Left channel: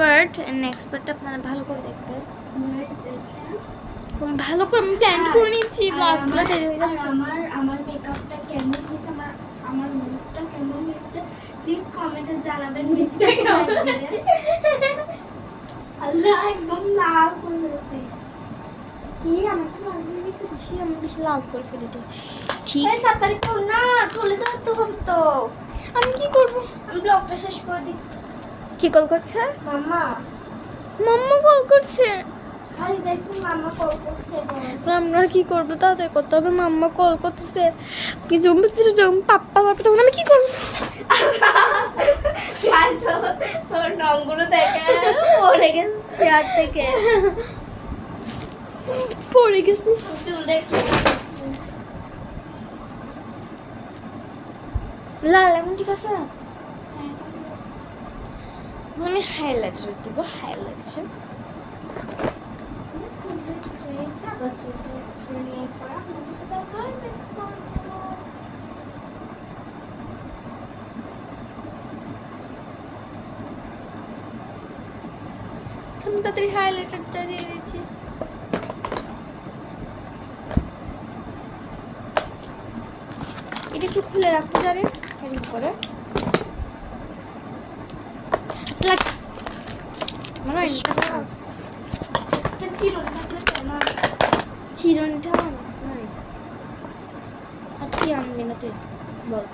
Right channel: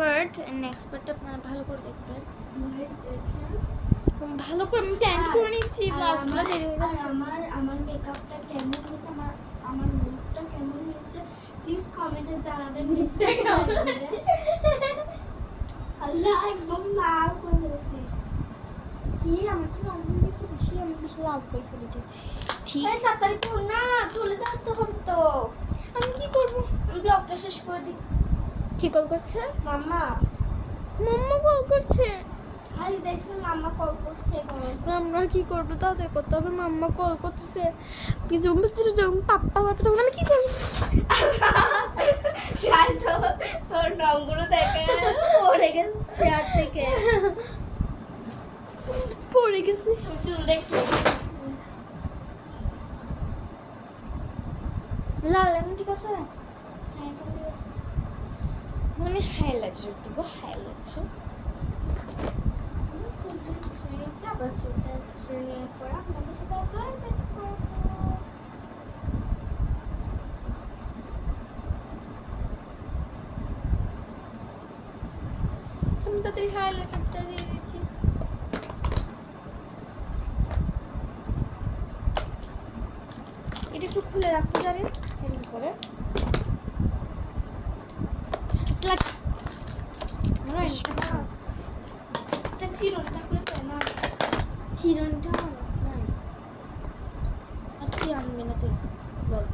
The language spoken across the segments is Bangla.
পার্ট নেক্সট পার্টটা আপনারা ভালো করে দেখবেন। তোমার ভালো করে আমি প্ল্যান করে নিয়েছি, ব্লগগুলো দেরি হয়ে যাচ্ছে। আমার মেকআপটা কেমন হয়েছে, আমার মুখটা কেমন হয়েছে প্লিজ কমেন্টে জানাবেন। আল্লাহ একদম লাল করে দিয়েছিস। কি আমারটা লাল হয়ে গেছে, বেশি আমি বেশি লাল করে ফেলেছি। ঠিক এই তাড়াতাড়ি কর না, চলে যেতে হবে তো। আমি কি করব? আমি ব্লগটা শেষ করে দিই। কি কল করছে? মাম্মা মাম্মা কল করছে। আরে দেখছি মাম্মা কল করছে। আমরা কি করবো, তাদের করতে হবে। মাম্মা কল করতেছে, কি জমছে যখন পাপ্পা পাপ্পা, তখন আমি কি করবো? তোর নংগুলো দেখে পড়ে গেছে চেয়ার থেকে, পড়ে গেছি। চুলে লাল এখন ঠিক আছে। আমি হাইলাইটার দিব, হাইলাইটার আমি তাড়াতাড়ি হাইলাইটারটা দিয়ে দিয়েছি। এটা একটু খুলে রাখতে পারেন এমনি করে। চিরনটা মানুষ নাই, আর কি আনবি না তুই বল?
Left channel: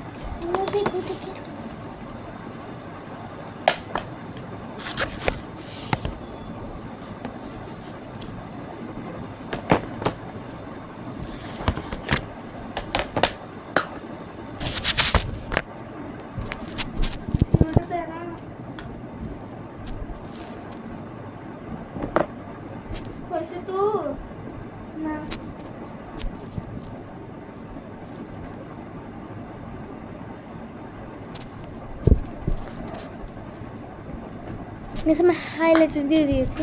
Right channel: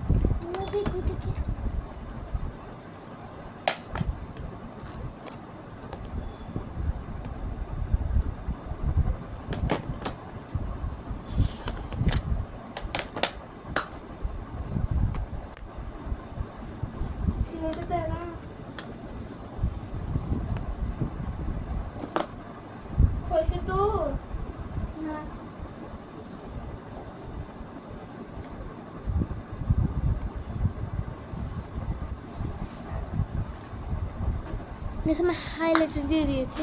जैसे मैं हाइलाइटर দিয়ে দিয়েছি।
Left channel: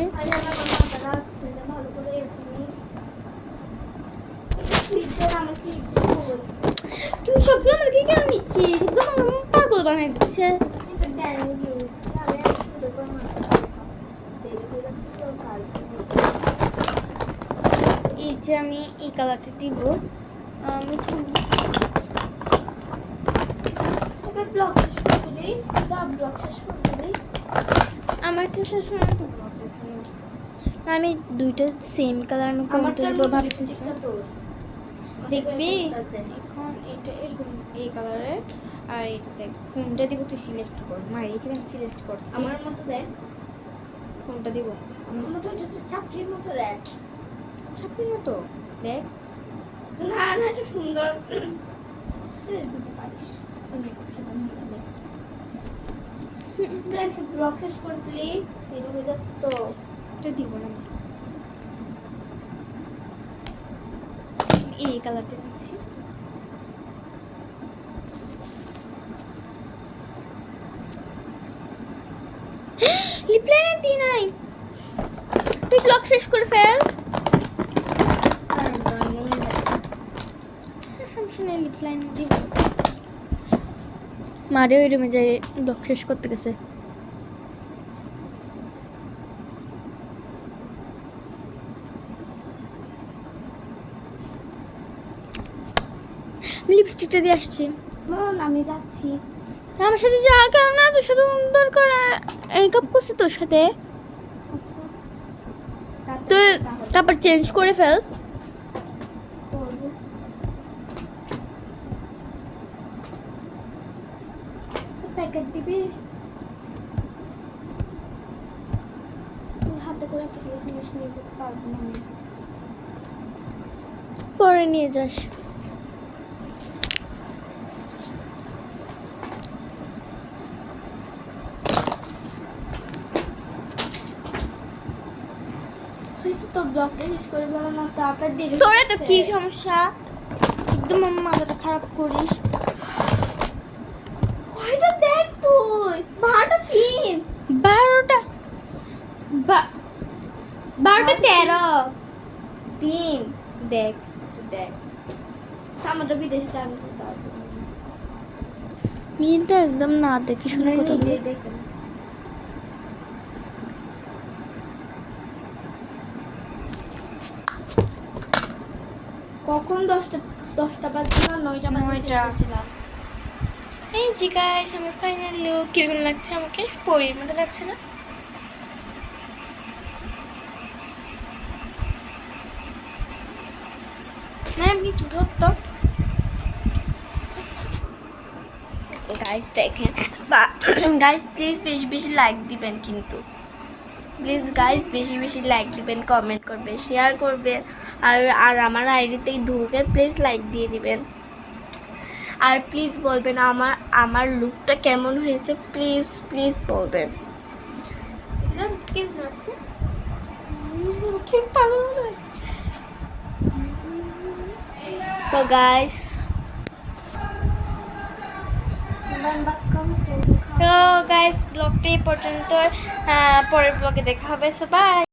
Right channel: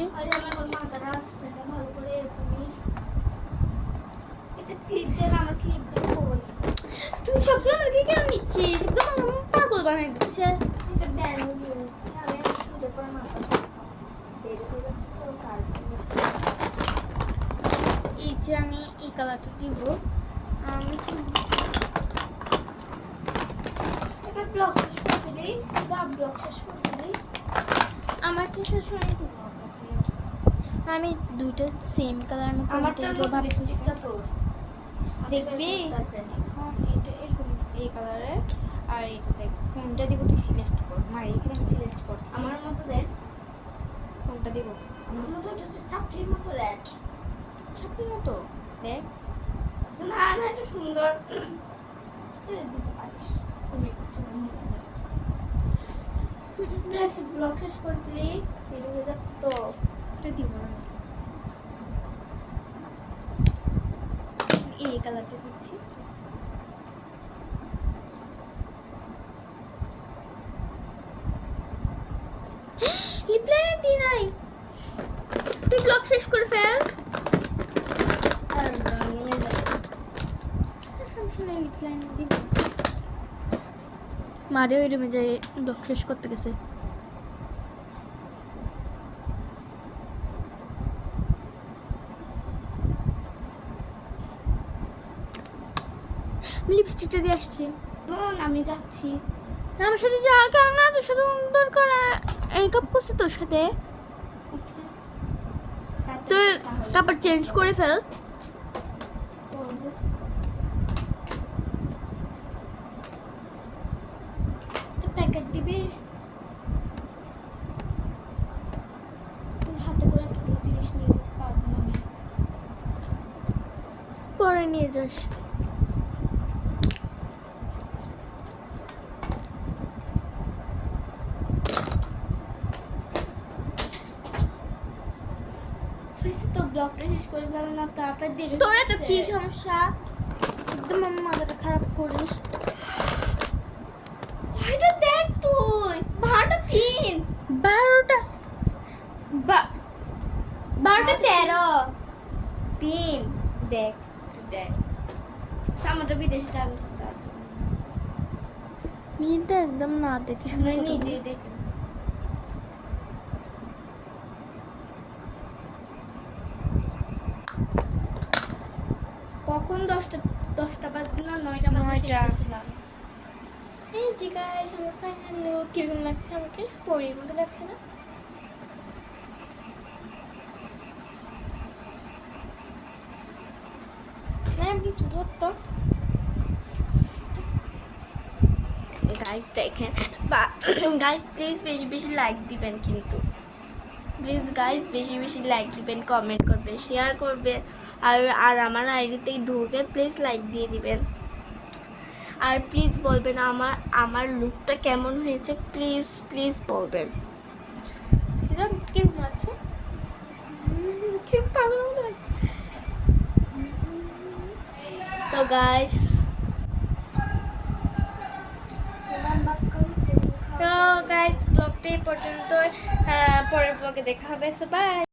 তুই সবগুলো আমাকে কেন নিচ্ছিস? একদম পাগল বানাই দিচ্ছে। এই যে আমি এই কালারটা দিব। আমি আমার তো সবসময় তো ব্লগ দেখি, আমি দুইটা সেম কালার আমি কোনটা দিব ভাবতেছি। দেখবি এখন এটা এরকম এই কালারে, আর এটাতে কোনটা দিব তুই সিলেক্ট কর। মারি এখানে সিলেক্ট কর, আমার মতো দেখ কোনটা দিব। আমার মতো এটা তো চাপড়ির মতো রেড, ছাপড়ির মতো দেখ। না না এটা সুন্দর দিতে পারিস। ব্লগ শেষ করে দিলি দেরি হয়ে যাচ্ছে তো। এটা দিব না, এই কালারটা দিচ্ছি। লিপ লাইনার দি নাই, তুই ব্লগ শেষ করে ফেল। লিপ লাইনার দিব। মারে ওই রুমে যাই ব্লগ শেষ করতে গেছে। লিপস্টিকটা দিয়ে আসছি। আমি যাচ্ছি। আমার সাথে যা, কেন না তোর সাথে দরকার মেকআপ করছে তোর সাথে। আচ্ছা তুই তারপর চেঞ্জ করে ফেল। প্যাকেট দিবি, তোর হাতে করে একটা জিনিস নিয়ে যেতে পারবো না আমি। পরে নিয়ে যাস। তো ব্লগটা শেষ করে ফেলো না তাড়াতাড়ি দেরি। তোরা তো কি সমস্যা, একদম আমার মাথাটা খারাপ করিস। কয়টা দেখ তুই? 12টা 3 12টা 13 3 দেখ। দেখ সামনে বিদেশে টাইম তো তার মেয়েটা একদম না দেখে শুনে কথা নিজে বলে। দেখেন কখন 10টা বাজে না 9টা বাজে 9টা। সেজেছিলাম। এই জি গাইস, আমার ফাইনাল লুক কিরকম লাগছে আমাকে? পরীর মতো লাগছে না? ম্যাডাম কিছু ধরতো। গাইস দেখেন, বা গাইস প্লিজ বেশি বেশি লাইক দিবেন কিন্তু, প্লিজ গাইস বেশি বেশি লাইক দিবেন, কমেন্ট করবেন, শেয়ার করবেন, আর আর আমার আইডিতে ঢুকে প্লিজ লাইক দিয়ে দিবেন। আর প্লিজ বলবেন আমার আমার লুকটা কেমন হয়েছে, প্লিজ প্লিজ বলবেন। কেমন আছে? তো গাইস, তো গাইস ব্লগটা এই পর্যন্ত, পরের ব্লগে দেখা হবে, সো বাই।